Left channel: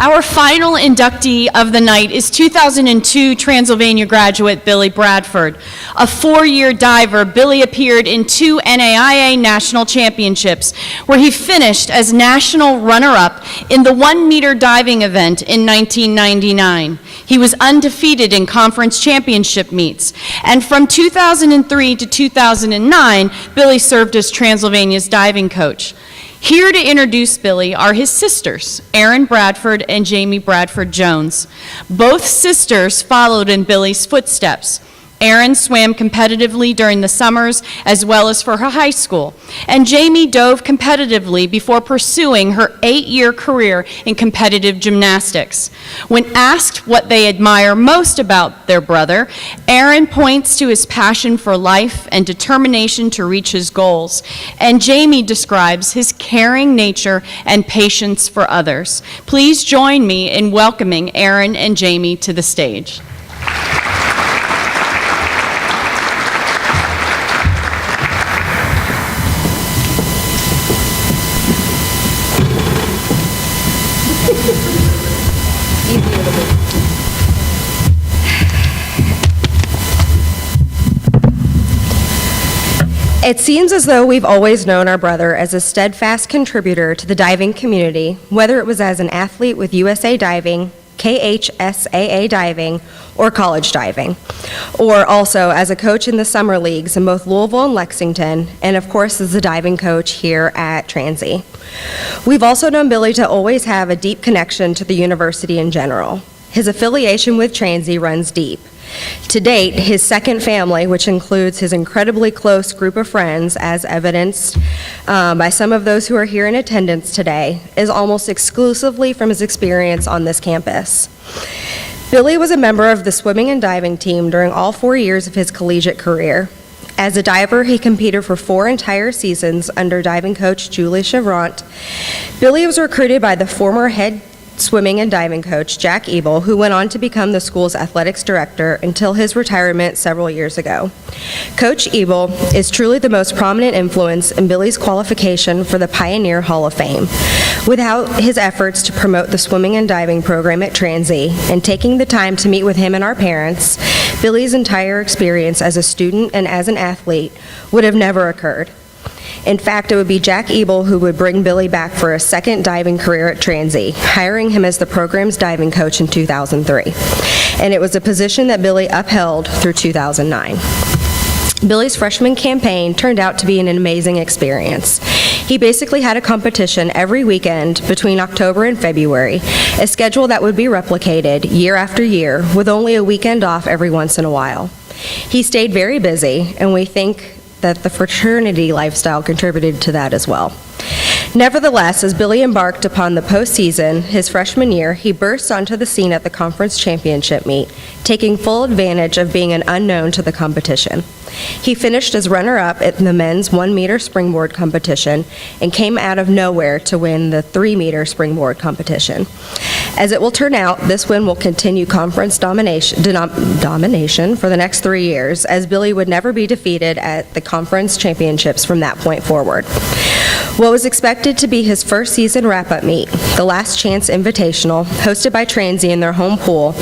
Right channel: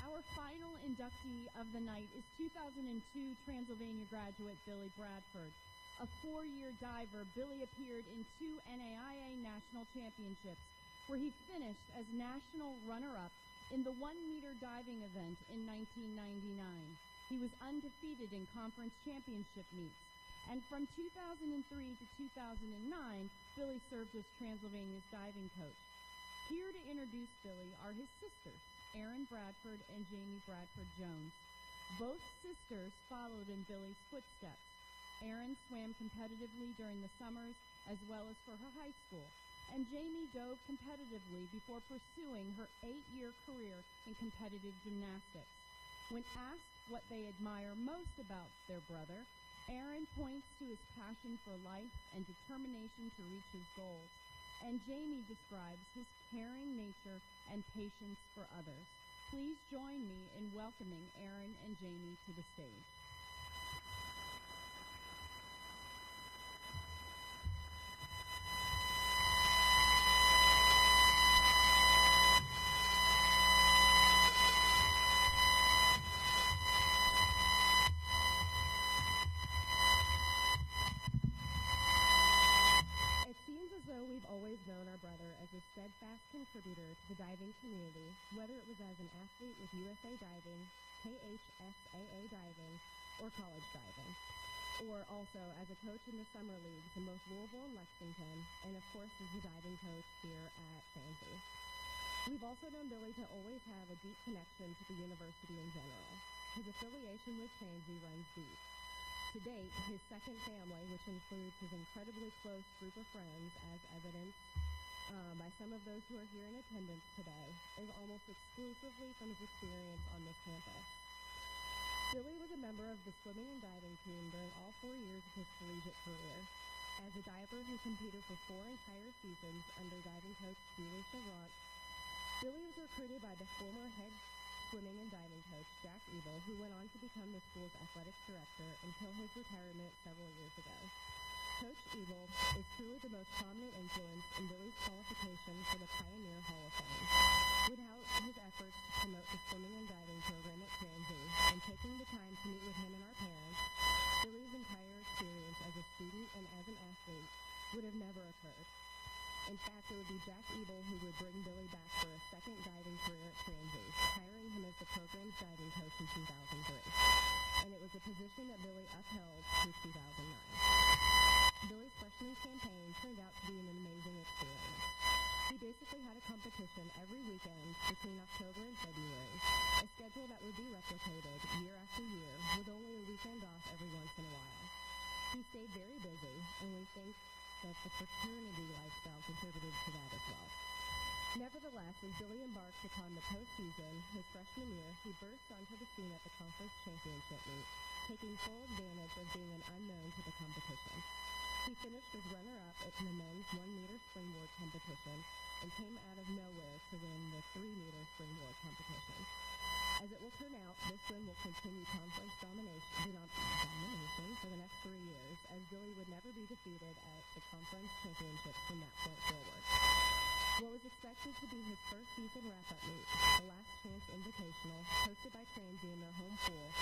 Our final inductee of the night is 2002 Transylvania graduate Billy Bradford. A 4-year diver, Billy appeared in 2 NAIA National Championships, where he finished as national runner-up in the 1-meter diving event in 1999. He was undefeated in conference championship meets, and from 2003 to 2009, Billy served as Transylvania's diving coach. Here to introduce Billy are his sisters, Erin Bradford and Jamie Bradford Jones. Both sisters followed in Billy's footsteps. Erin swam competitively during the summers as well as for her high school, and Jamie dove competitively before pursuing her 8-year career in competitive gymnastics. When asked what they admire most about their brother, Erin points to his passion for life and determination to reach his goals, and Jamie describes his caring nature and patience for others. Please join me in welcoming Erin and Jamie to the stage. It seems as though we've always known our brother as a steadfast contributor to the diving community, whether it was as an athlete with USA Diving, KHSAA Diving, or college diving, or also as a coach in the summer leagues in both Louisville and Lexington, and of course as a diving coach here at Transy. We've also known Billy to always have a deep connection to the university in general. His affiliation with Transy runs deep. To date, his second family, which includes his incredibly close group of friends, as evidenced by some of those who are here in attendance today, is almost exclusively from his experience on this campus. Billy was a member of the swimming and diving team during all 4 years of his collegiate career. As a diver, he competed for 4 entire seasons under diving coach Julie Chevrant. Billy was recruited by the former head swimming and diving coach Jack Ebel, who went on to become the school's athletics director until his retirement several years ago. Coach Ebel is truly the most prominent influence in Billy's qualification for the Pioneer Hall of Fame. Without his efforts to promote the swimming and diving program at Transy and taking the time to meet with him and our parents, Billy's entire experience as a student and as an athlete would have never occurred. In fact, it would be Jack Ebel who would bring Billy back for a second diving career at Transy, hiring him as the program's diving coach in 2003. And it was a position that Billy upheld through 2009. Billy's freshman campaign turned out to be an amazing experience. He basically had a competition every weekend between October and February, a schedule that would be replicated year after year with only a weekend off every once in a while. He stayed very busy, and we think that the fraternity lifestyle contributed to that as well. Nevertheless, as Billy embarked upon the postseason his freshman year, he burst onto the scene at the conference championship meet, taking full advantage of being an unknown to the competition. He finished as runner-up at the men's 1-meter springboard competition and came out of nowhere to win the 3-meter springboard competition. As it will turn out, this win will continue conference domination for the next 3 years, as Billy would never be defeated at the conference championships from that point forward. What was expected to be his first season wrap-up meet, the Last Chance Invitational, hosted by Transy in their home pool,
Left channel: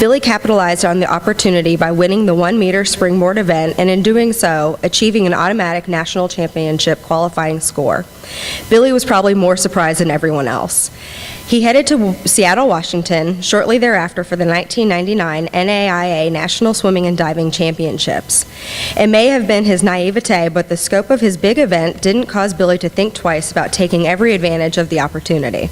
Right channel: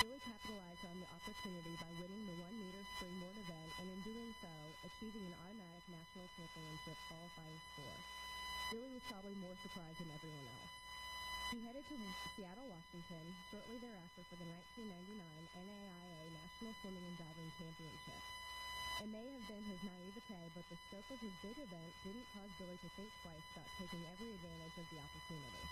Billy capitalized on the opportunity by winning the 1-meter springboard event, and in doing so, achieving an automatic national championship qualifying score. Billy was probably more surprised than everyone else. He headed to Seattle, Washington, shortly thereafter for the 1999 NAIA National Swimming and Diving Championships. It may have been his naivete, but the scope of his big event didn't cause Billy to think twice about taking every advantage of the opportunity.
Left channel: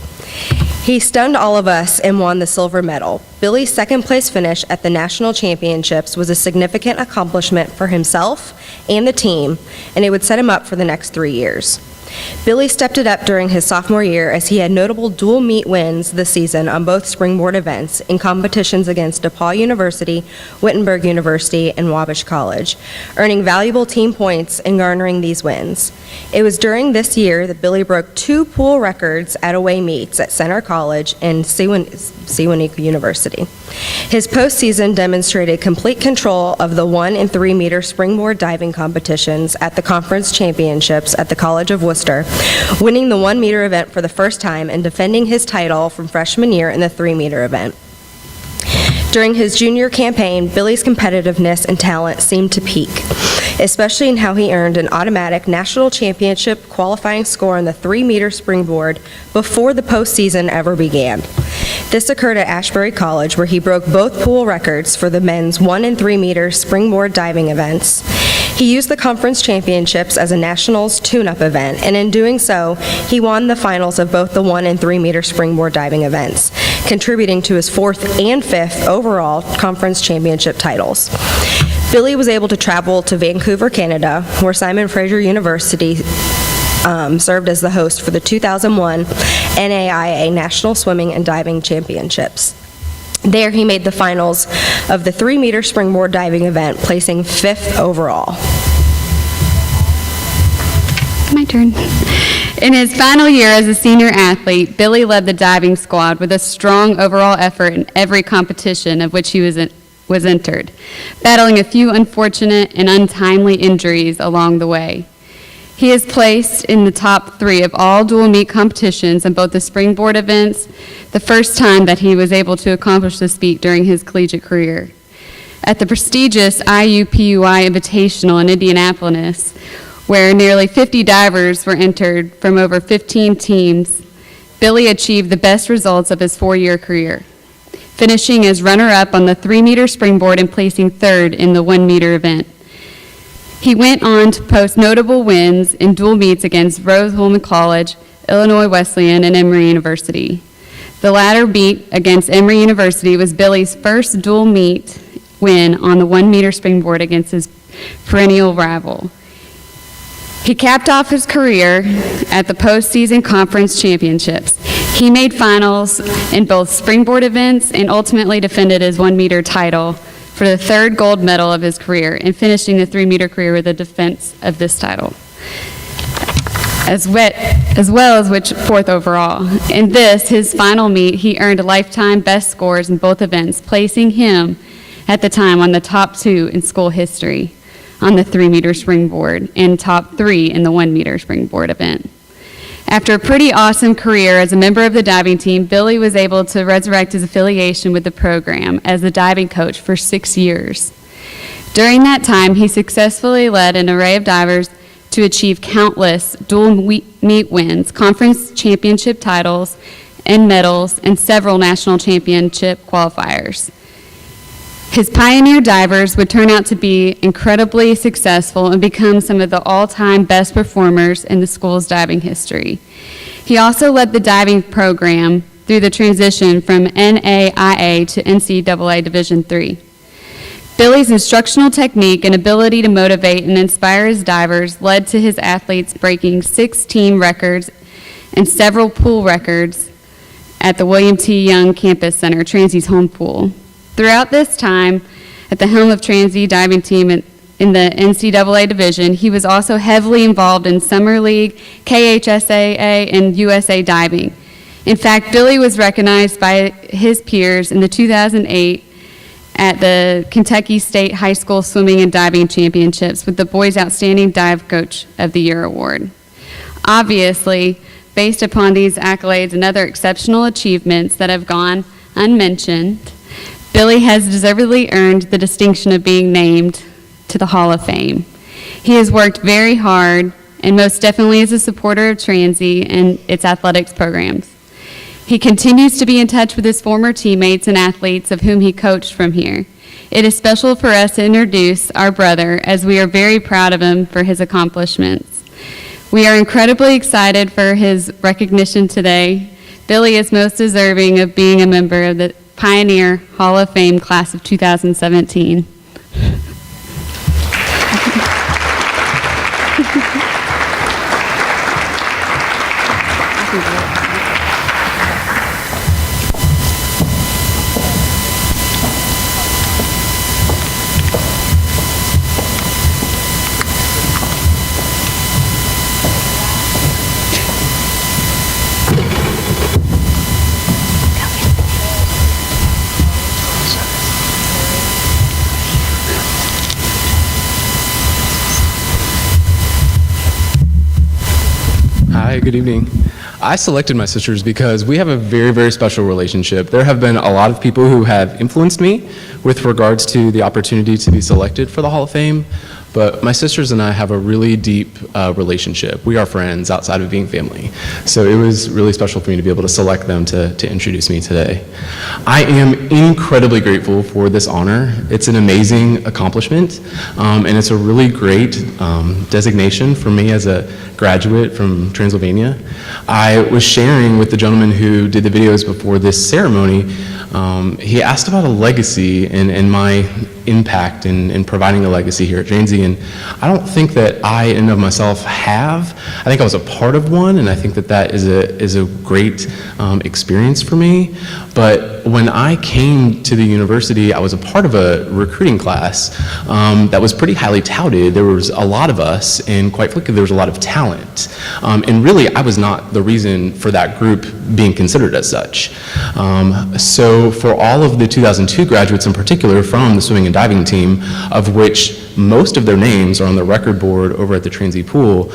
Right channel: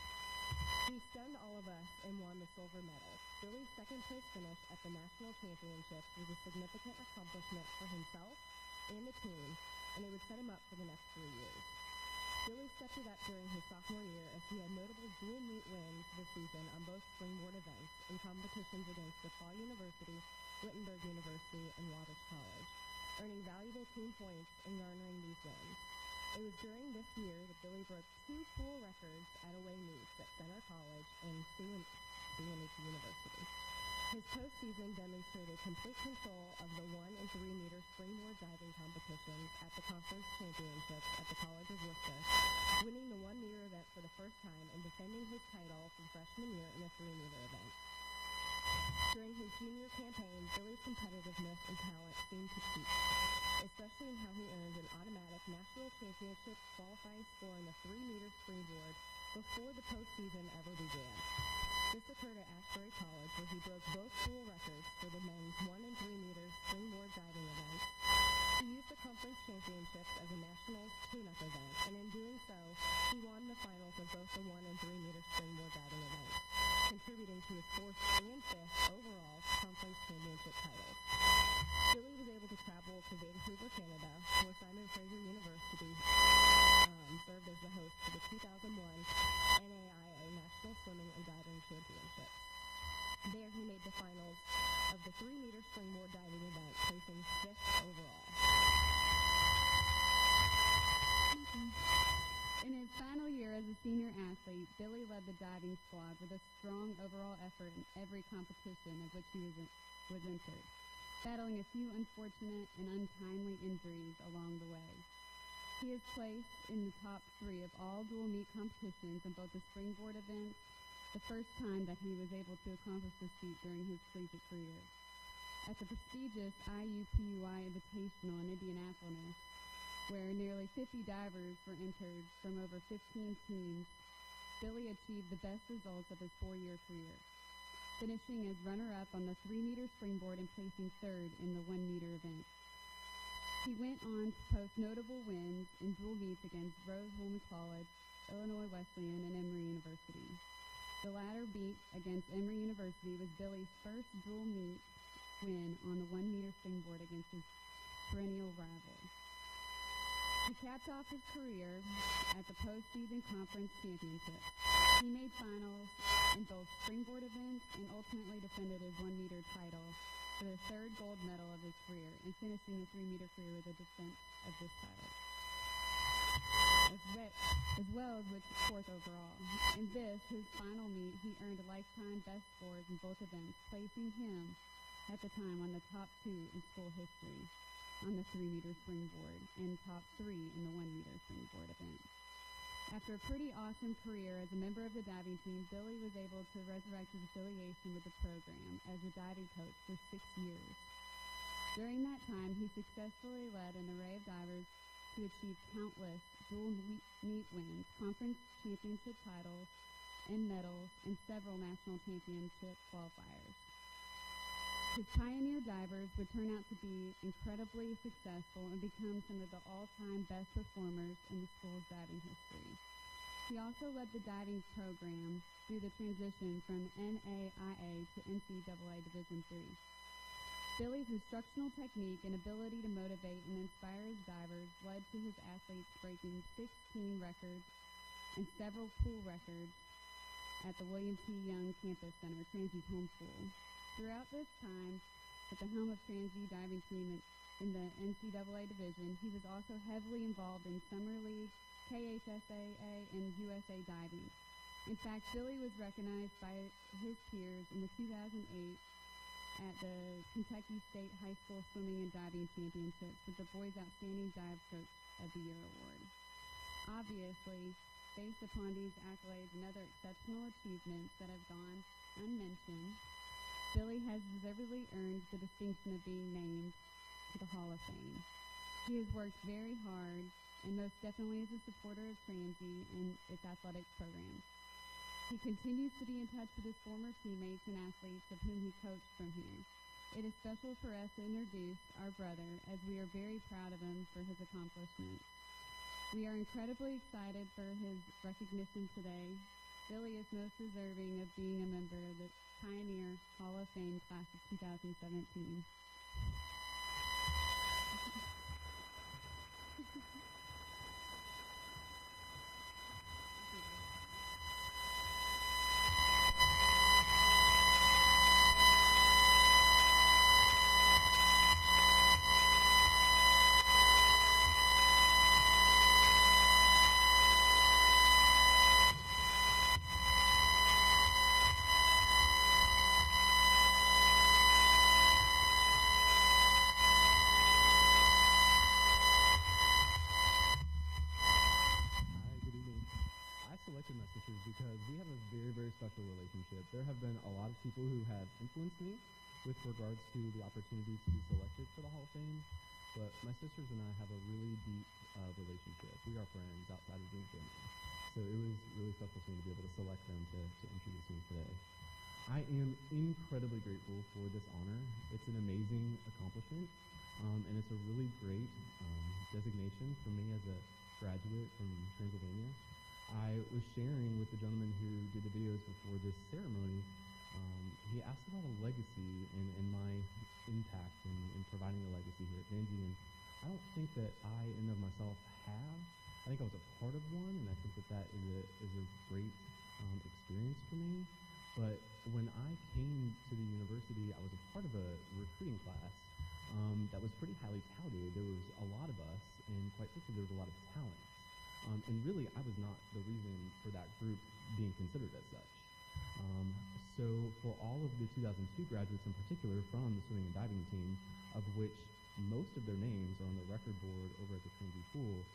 He stunned all of us and won the silver medal. Billy's second-place finish at the National Championships was a significant accomplishment for himself and the team, and it would set him up for the next 3 years. Billy stepped it up during his sophomore year as he had notable dual meet wins this season on both springboard events in competitions against DePaul University, Wittenberg University, and Wabash College, earning valuable team points and garnering these wins. It was during this year that Billy broke 2 pool records at away meets at Center College College and Sewanee University. His postseason demonstrated complete control of the 1 and 3 meter springboard diving competitions at the conference championships at the College of Worcester, winning the 1 meter event for the first time and defending his title from freshman year in the 3 meter event. During his junior campaign, Billy's competitiveness and talent seemed to peak, especially in how he earned an automatic national championship qualifying score on the 3 meter springboard before the postseason ever began. This occurred at Ashbury College, where he broke both pool records for the men's 1 and 3 meter springboard diving events. He used the conference championships as a nationals tune-up event, and in doing so, he won the finals of both the 1 and 3 meter springboard diving events, contributing to his 4th and 5th overall conference championship titles. Billy was able to travel to Vancouver, Canada, where Simon Fraser University served as the host for the 2001 NAIA National Swimming and Diving Championships. There, he made the finals of the 3 meter springboard diving event, placing 5th overall. My turn. In his final year as a senior athlete, Billy led the diving squad with a strong overall effort in every competition of which he was entered, battling a few unfortunate and untimely injuries along the way. He is placed in the top 3 of all dual meet competitions in both the springboard events, the first time that he was able to accomplish this feat during his collegiate career. At the prestigious IUPUI Invitational in Indianapolis, where nearly 50 divers were entered from over 15 teams, Billy achieved the best results of his 4-year career, finishing as runner-up on the 3 meter springboard and placing 3rd in the 1 meter event. He went on to post notable wins in dual meets against Rose-Hulman College, Illinois Wesleyan, and Emory University. The latter meet against Emory University was Billy's first dual meet win on the 1 meter springboard against his perennial rival. He capped off his career at the postseason conference championships. He made finals in both springboard events and ultimately defended his 1 meter title for the 3rd gold medal of his career, and finishing the 3 meter career with the defense of this title, as well as which 4th overall. In this, his final meet, he earned lifetime best scores in both events, placing him at the time on the top 2 in school history on the 3 meter springboard and top 3 in the 1 meter springboard event. After a pretty awesome career as a member of the diving team, Billy was able to resurrect his affiliation with the program as a diving coach for 6 years. During that time, he successfully led an array of divers to achieve countless dual meet wins, conference championship titles and medals, and several national championship qualifiers. His pioneer divers would turn out to be incredibly successful and become some of the all-time best performers in the school's diving history. He also led the diving program through the transition from NAIA to NCAA Division III. Billy's instructional technique and ability to motivate and inspire his divers led to his athletes breaking 6 team records and several pool records at the William T. Young Campus Center, Transy's home pool. Throughout this time, at the helm of Transy diving team in the NCAA division, he was also heavily involved in Summer League, KHSAA, and USA diving. In fact, Billy was recognized by his peers in the 2008 at the Kentucky State High School Swimming and Diving Championships with the Boys Outstanding Dive Coach of the Year award. Obviously, based upon these accolades and other exceptional achievements that have gone unmentioned, Billy has deservedly earned the distinction of being named to the Hall of Fame. He has worked very hard and most definitely is a supporter of Transy and its athletics programs. He continues to be in touch with his former teammates and athletes of whom he coached from here. It is special for us to introduce our brother, as we are very proud of him for his accomplishments. We are incredibly excited for his recognition today. Billy is most deserving of being a member of the Pioneer Hall of Fame class of 2017. Hi, good evening. I selected my sisters because we have a very, very special relationship. There have been a lot of people who have influenced me with regards to the opportunity to be selected for the Hall of Fame, but my sisters and I have a really deep relationship. We are friends outside of being family. So it was really special for me to be able to select them to introduce me today. I am incredibly grateful for this honor. It's an amazing accomplishment, and it's a really great designation for me as a graduate from Transylvania. I was sharing with the gentleman who did the videos before this ceremony. He asked about a legacy and my impact in providing a legacy here at Transy, and I don't think that I in and of myself have. I think I was a part of one, and I think that is a great experience for me. But when I came to the university, I was a part of a recruiting class that was pretty highly touted. There was a lot of us, and quite frankly, there was a lot of talent. And really, I was not the reason for that group being considered as such. So for all of the 2002 graduates in particular from the swimming and diving team, of which most of their names are on the record board over at the Transy pool,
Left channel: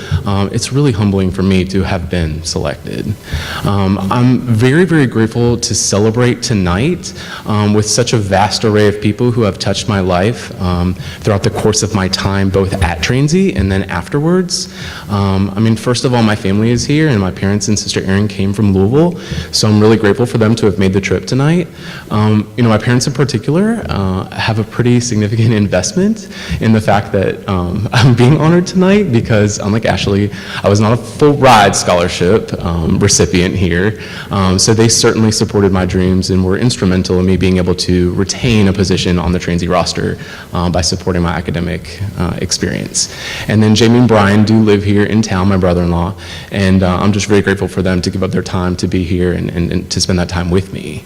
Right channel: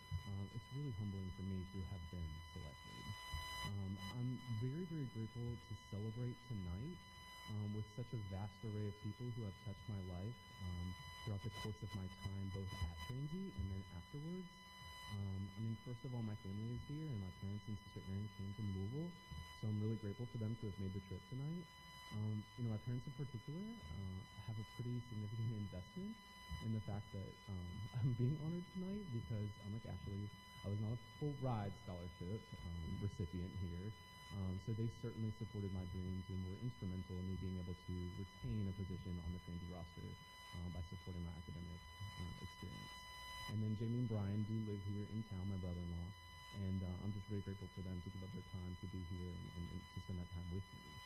it's really humbling for me to have been selected. I'm very, very grateful to celebrate tonight with such a vast array of people who have touched my life throughout the course of my time, both at Transy and then afterwards. I mean, first of all, my family is here, and my parents and sister Erin came from Louisville, so I'm really grateful for them to have made the trip tonight. My parents in particular have a pretty significant investment in the fact that I'm being honored tonight because, unlike Ashley, I was not a full ride scholarship recipient here, so they certainly supported my dreams and were instrumental in me being able to retain a position on the Transy roster by supporting my academic experience. And then Jamie and Brian do live here in town, my brother-in-law, and I'm just very grateful for them to give up their time to be here and to spend that time with me.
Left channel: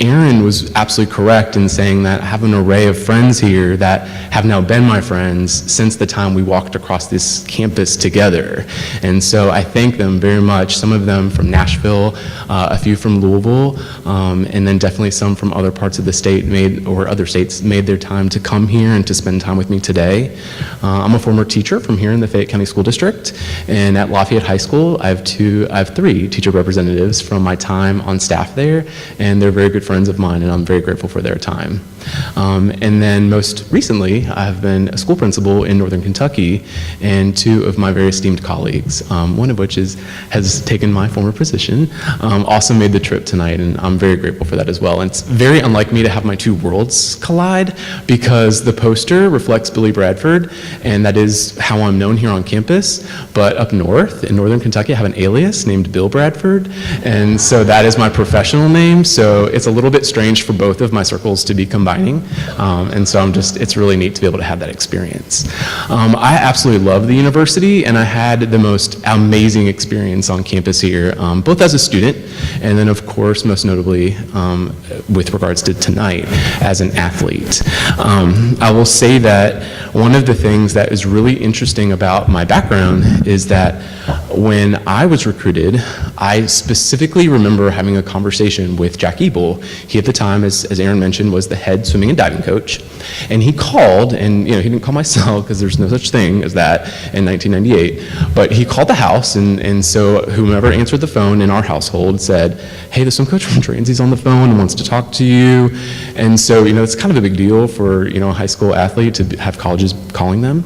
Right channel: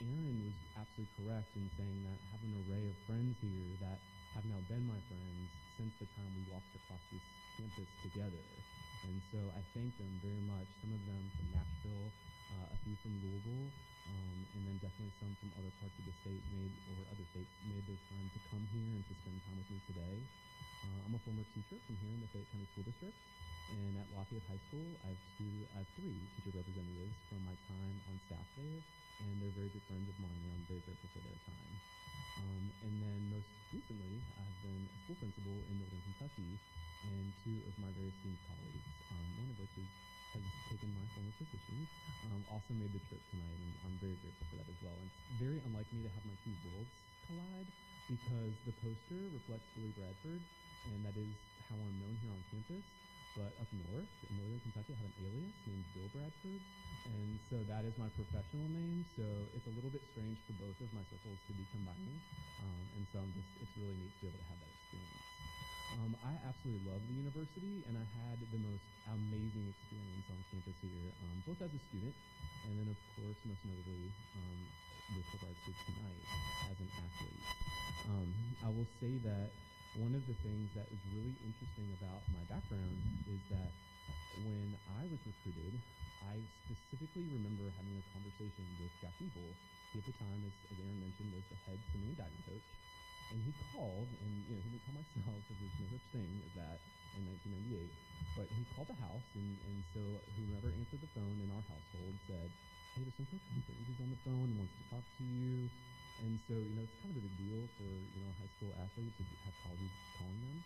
Aaron was absolutely correct in saying that I have an array of friends here that have now been my friends since the time we walked across this campus together. And so I thank them very much, some of them from Nashville, a few from Louisville, and then definitely some from other parts of the state or other states made their time to come here and to spend time with me today. I'm a former teacher from here in the Fayette County School District, and at Lafayette High School, I have three teacher representatives from my time on staff there, and they're very good friends of mine, and I'm very grateful for their time. And then most recently, I've been a school principal in Northern Kentucky, and two of my very esteemed colleagues, one of which has taken my former position, also made the trip tonight, and I'm very grateful for that as well. And it's very unlike me to have my two worlds collide, because the poster reflects Billy Bradford, and that is how I'm known here on campus, but up north in Northern Kentucky, I have an alias named Bill Bradford, and so that is my professional name, so it's a little bit strange for both of my circles to be combining. And so it's really neat to be able to have that experience. I absolutely love the university, and I had the most amazing experience on campus here, both as a student, and then of course, most notably, with regards to tonight, as an athlete. I will say that one of the things that is really interesting about my background is that when I was recruited, I specifically remember having a conversation with Jack Ebel. He at the time, as Aaron mentioned, was the head swimming and diving coach, and he called, and he didn't call my cell because there's no such thing as that in 1998, but he called the house, and so whomever answered the phone in our household said, "Hey, the swim coach from Transy's on the phone and wants to talk to you." And so it's kind of a big deal for a high school athlete to have colleges calling them.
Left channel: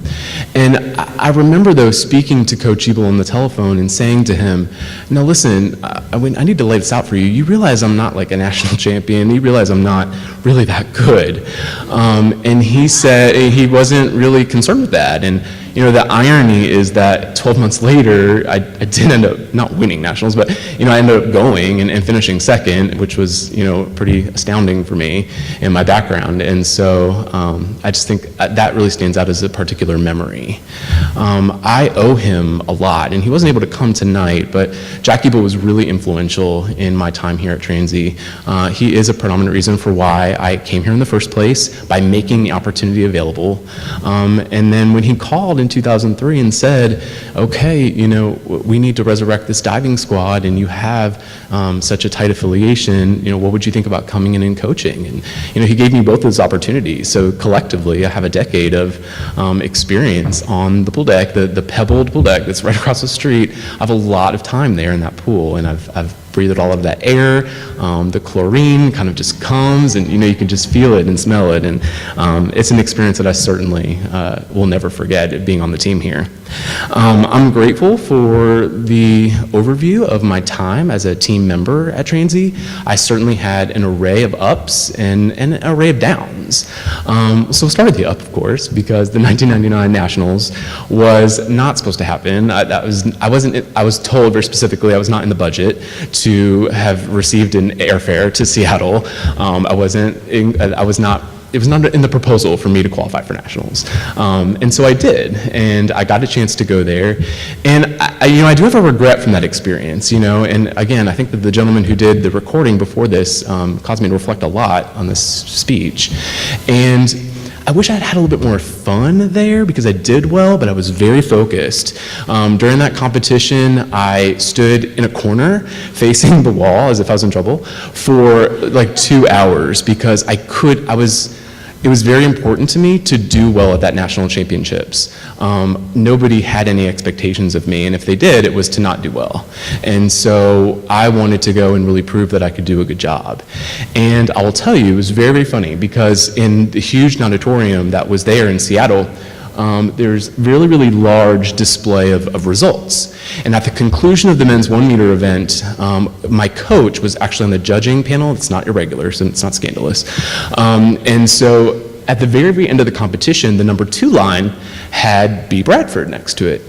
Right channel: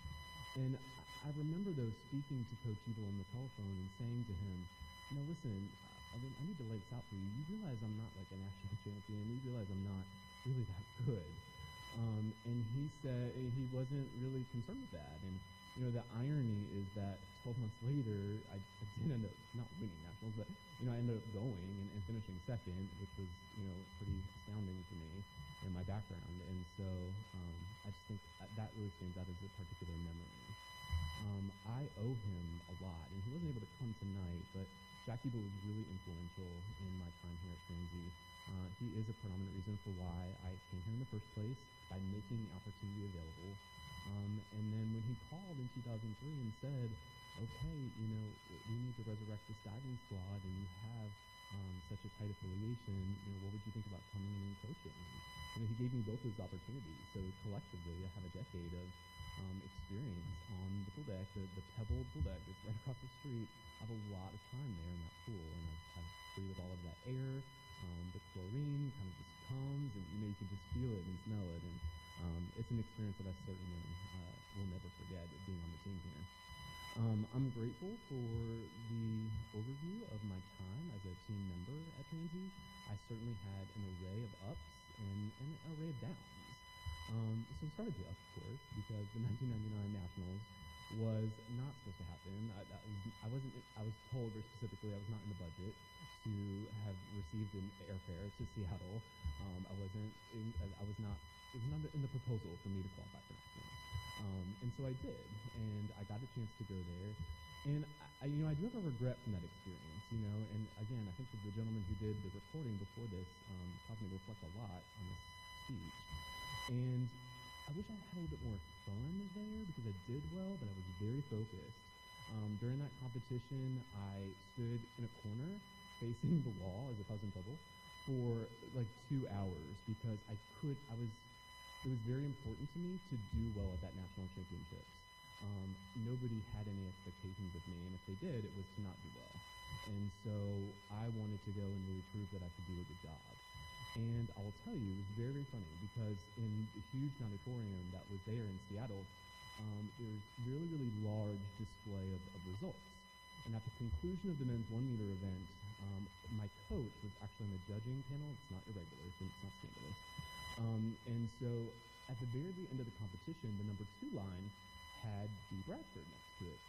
And I remember though speaking to Coach Ebel on the telephone and saying to him, "Now listen, I need to lay this out for you. You realize I'm not like a national champion. You realize I'm not really that good." And he said he wasn't really concerned with that. And the irony is that 12 months later, I did end up not winning nationals, but I ended up going and finishing second, which was pretty astounding for me in my background. And so I just think that really stands out as a particular memory. I owe him a lot, and he wasn't able to come tonight, but Jack Ebel was really influential in my time here at Transy. He is a predominant reason for why I came here in the first place, by making the opportunity available. And then when he called and in 2003 and said, okay, you know, we need to resurrect this diving squad, and you have such a tight affiliation, you know, what would you think about coming in and coaching? And, you know, he gave me both those opportunities. So collectively, I have a decade of experience on the pool deck, the pebbled pool deck that's right across the street. I have a lot of time there in that pool, and I've breathed all of that air. The chlorine kind of just comes, and you know, you can just feel it and smell it, and it's an experience that I certainly will never forget, being on the team here. I'm grateful for the overview of my time as a team member at Transy. I certainly had an array of ups and an array of downs. So we'll start with the up, of course, because the 1999 Nationals was not supposed to happen. I was told very specifically I was not in the budget to have received an airfare to Seattle. It was not in the proposal for me to qualify for nationals. And so I did, and I got a chance to go there. And I do have a regret from that experience, you know, and again, I think that the gentleman who did the recording before this caused me to reflect a lot on this speech. And I wish I had a little bit more fun there, because I did well, but I was very focused. During that competition, I stood in a corner facing the wall as if I was in trouble for like 2 hours, because it was very important to me to do well at that national championships. Nobody had any expectations of me, and if they did, it was to not do well. And so I wanted to go and really prove that I could do a good job. And I will tell you, it was very, very funny, because in the huge auditorium that was there in Seattle, there's really, really large display of results. And at the conclusion of the men's 1 meter event, my coach was actually on the judging panel. It's not irregular, so it's not scandalous. And so at the very, very end of the competition, the number 2 line had B. Bradford next to it.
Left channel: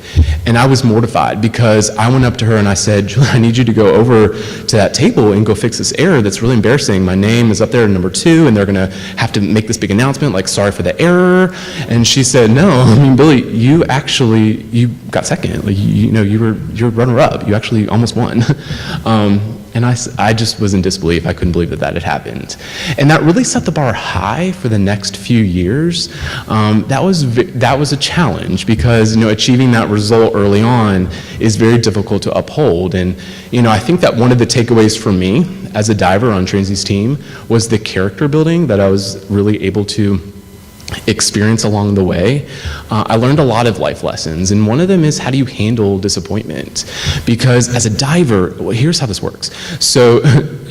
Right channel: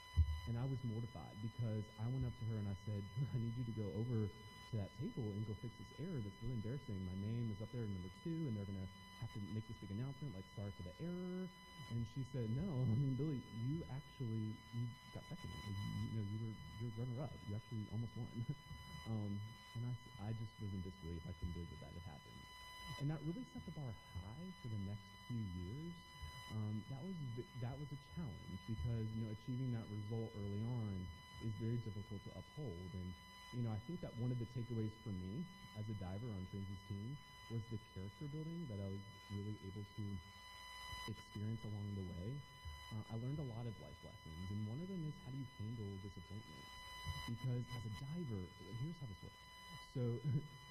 And I was mortified, because I went up to her and I said, Julie, I need you to go over to that table and go fix this error that's really embarrassing. My name is up there at number 2, and they're gonna have to make this big announcement, like, sorry for the error. And she said, no, I mean, Billy, you got second. Like, you're runner-up. You actually almost won. And I just was in disbelief. I couldn't believe that had happened. And that really set the bar high for the next few years. That was a challenge, because, you know, achieving that result early on is very difficult to uphold. And, you know, I think that one of the takeaways for me as a diver on Transy's team was the character building that I was really able to experience along the way. I learned a lot of life lessons, and one of them is, how do you handle disappointment? Because as a diver, well, here's how this works. So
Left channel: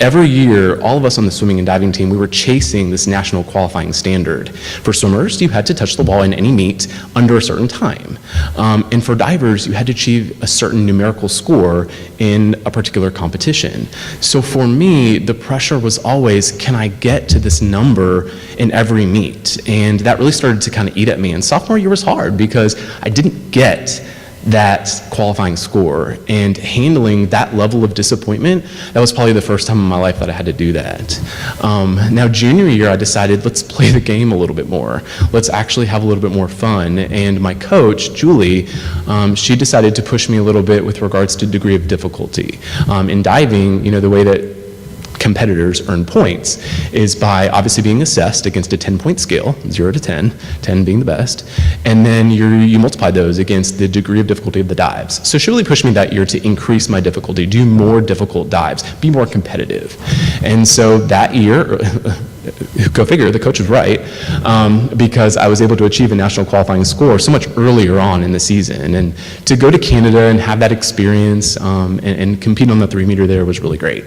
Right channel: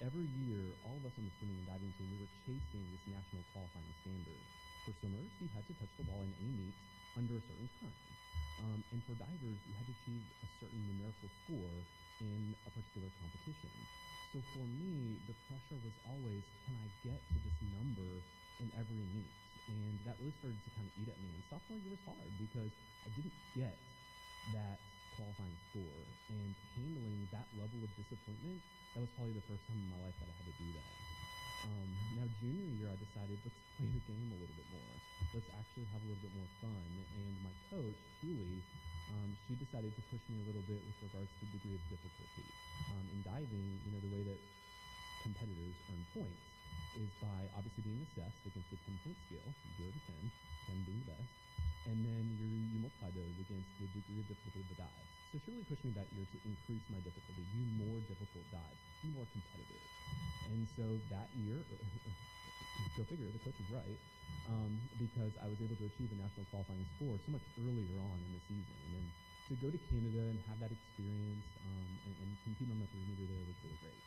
every year, all of us on the swimming and diving team, we were chasing this national qualifying standard. For swimmers, you had to touch the ball in any meet under a certain time. And for divers, you had to achieve a certain numerical score in a particular competition. So for me, the pressure was always, can I get to this number in every meet? And that really started to kind of eat at me. And sophomore year was hard, because I didn't get that qualifying score, and handling that level of disappointment, that was probably the first time in my life that I had to do that. Now junior year, I decided, let's play the game a little bit more. Let's actually have a little bit more fun. And my coach, Julie, she decided to push me a little bit with regards to degree of difficulty. In diving, you know, the way that competitors earn points is by obviously being assessed against a 10-point scale, 0 to 10, 10 being the best, and then you multiply those against the degree of difficulty of the dives. So she really pushed me that year to increase my difficulty, do more difficult dives, be more competitive. And so that year, go figure, the coach was right, because I was able to achieve a national qualifying score so much earlier on in the season. And to go to Canada and have that experience and compete on the 3 meter there was really great.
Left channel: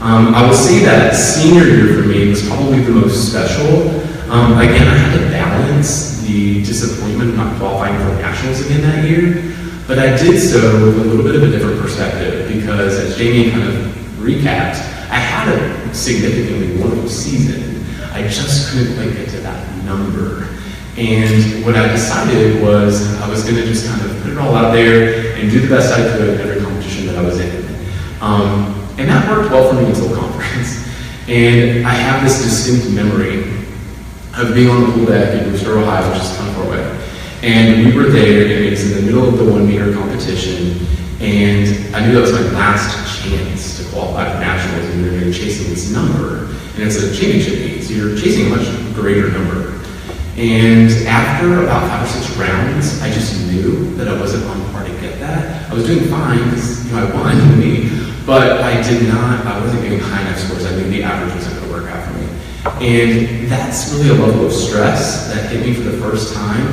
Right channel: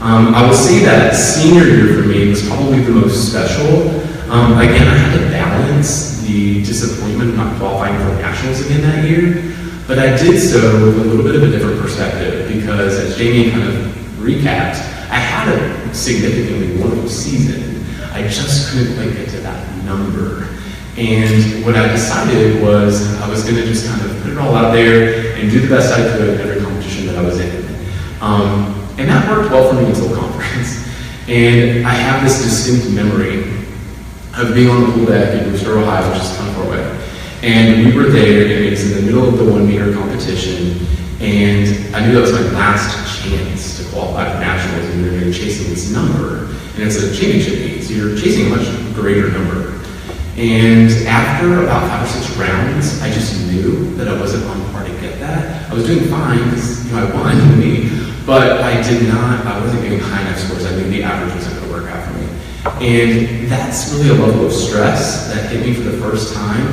I will say that senior year for me was probably the most special. Again, I had to balance the disappointment of not qualifying for nationals again that year, but I did so with a little bit of a different perspective, because as Jamie kind of recapped, I had a significantly wonderful season. I just couldn't quite get to that number. And what I decided was I was going to just kind of put it all out there and do the best I could in every competition that I was in. And that worked well for me until conference. And I have this distinct memory of being on the pool deck in Worcester, Ohio, which is kind of far away. And we were there, and it was in the middle of the 1 meter competition, and I knew that was my last chance to qualify for nationals, and we were going to be chasing this number. And it's a championship meet, so you're chasing a much greater number. And after about 5 or 6 rounds, I just knew that I wasn't on par to get that. I was doing fine because I won to me, but I wasn't getting high enough scores. I knew the average wasn't going to work out for me. And that's really a level of stress that hit me for the first time,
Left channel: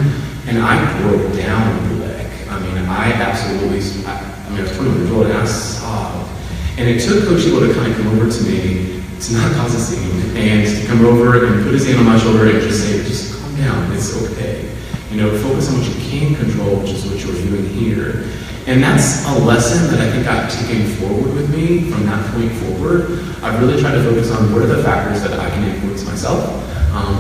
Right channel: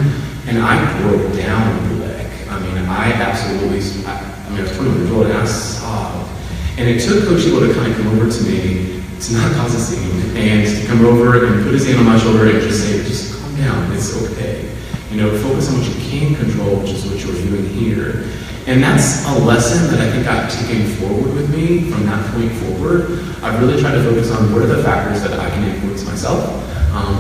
and I broke down in the leg. I mean, I was 21 years old and I sobbed. And it took Coach Eagle to kind of come over to me to not cause a scene and to come over and put his hand on my shoulder and just say, just calm down, it's okay. Focus on what you can control, which is what you're doing here. And that's a lesson that I think I've taken forward with me from that point forward. I've really tried to focus on what are the factors that I can influence myself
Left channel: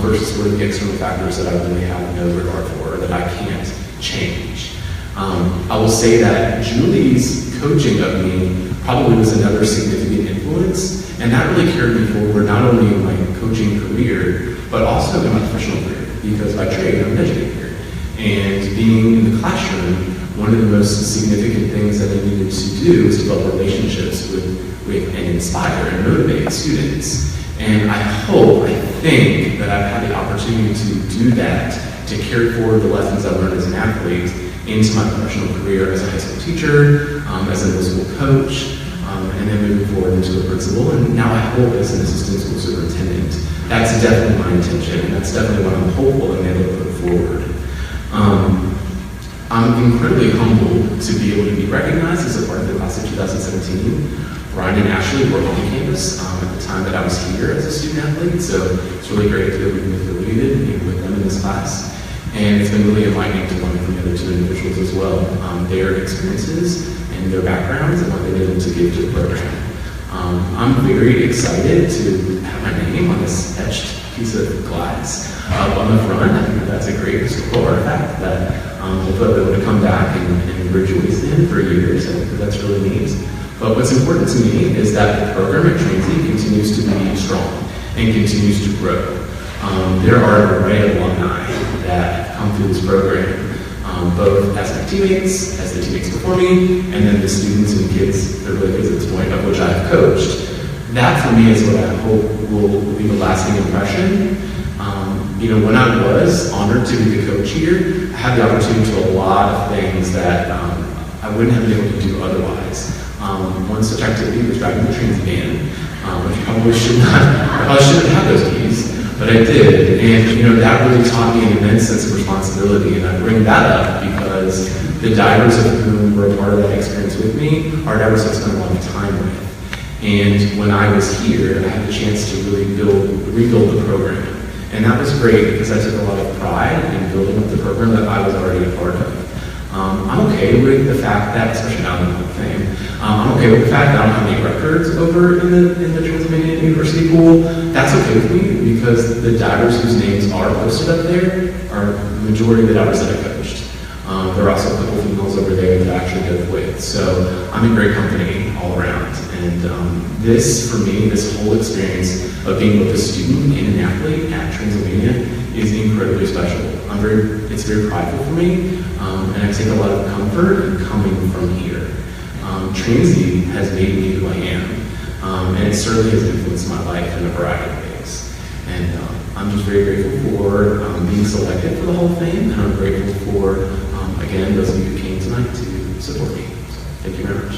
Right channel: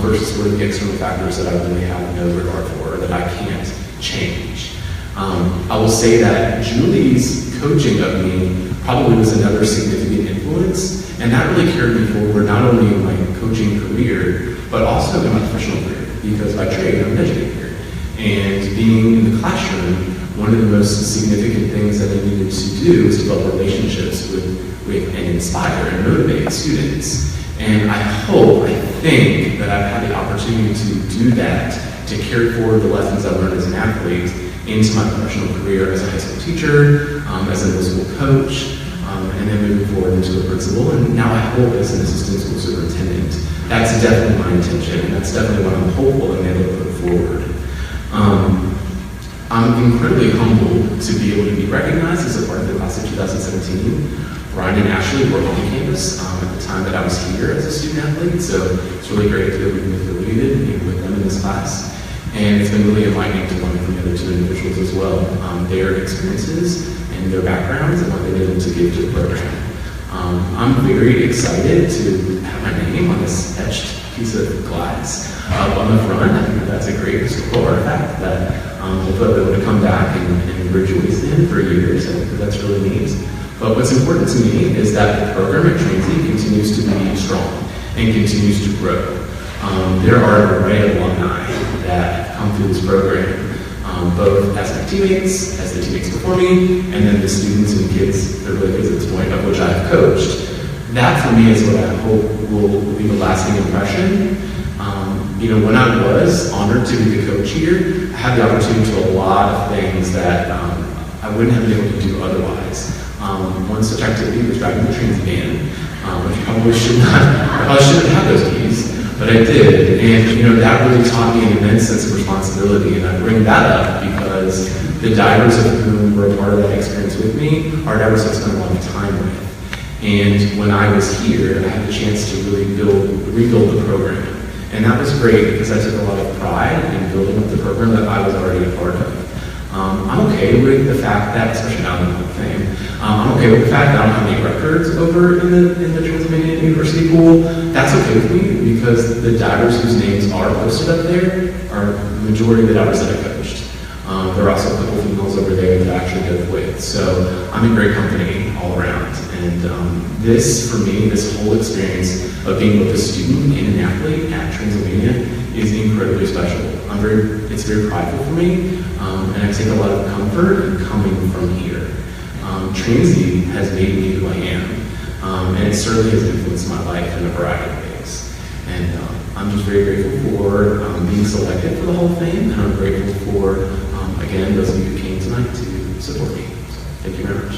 versus what are the external factors that I really have no regard for or that I can't change. I will say that Julie's coaching of me probably was another significant influence, and that really carried me forward not only in my coaching career, but also in my professional career, because by trade, I'm an educator. And being in the classroom, one of the most significant things that I needed to do is develop relationships with and inspire and motivate students. And I think that I've had the opportunity to do that, to carry forward the lessons I've learned as an athlete into my professional career as a high school teacher, as a middle school coach, and then moving forward into a principal, and now I hope as an assistant school superintendent. That's definitely my intention, and that's definitely what I'm hopeful and able to put forward. I'm incredibly humbled to be able to be recognized as a part of the class of 2017. Brian and Ashley were on campus at the time that I was here as a student athlete, so it's really great to be able to be affiliated with them in this class. And it's been really enlightening to learn from the other 2 individuals as well, their experiences and their backgrounds and what they've been able to give to the program. I'm very excited to have my name on this etched piece of glass up on the front. I think that's a great historical artifact that hopefully I'll be able to come back and rejoice in for years. I think that's really neat. But what's important to me is that the program at Transy continues to be strong and continues to grow. There are an array of alumni that come through this program, both as my teammates, as the teammates before me, and then the students and kids, the really kids at this point, of which I have coached. That for me is what I hope will leave a lasting impression. When I was honored to be the coach here, I had the opportunity to do a lot of things that I wouldn't have been able to do otherwise. One such activity was driving the Transylvania, which I shouldn't have those keys. But I did, and that really taught me an immense sense of responsibility, and I bring that up because the divers of whom were a part of that experience with me are divers I've spent a lot of time with. And when I was here, I had the chance to really rebuild the program. And that was great because I took a lot of pride in building up the program that I was already a part of. I'm okay with the fact that, especially now in the Hall of Fame, I'm okay with the fact that I don't have any records over in the Transylvania University pool. That's okay with me because the divers whose names are posted up there are the majority of the divers that I coached. There are also a couple females over there that I actually dove with. So I'm in great company all around. And this, for me, this whole experience of being both a student and an athlete at Transylvania is incredibly special. It's very prideful for me, and I take a lot of comfort in coming from here. Transy has made me who I am, and it certainly has influenced my life in a variety of ways. And I'm just very grateful for being selected for the Hall of Fame, and I'm grateful for, again, those of you who came tonight to support me. So, thank you very much.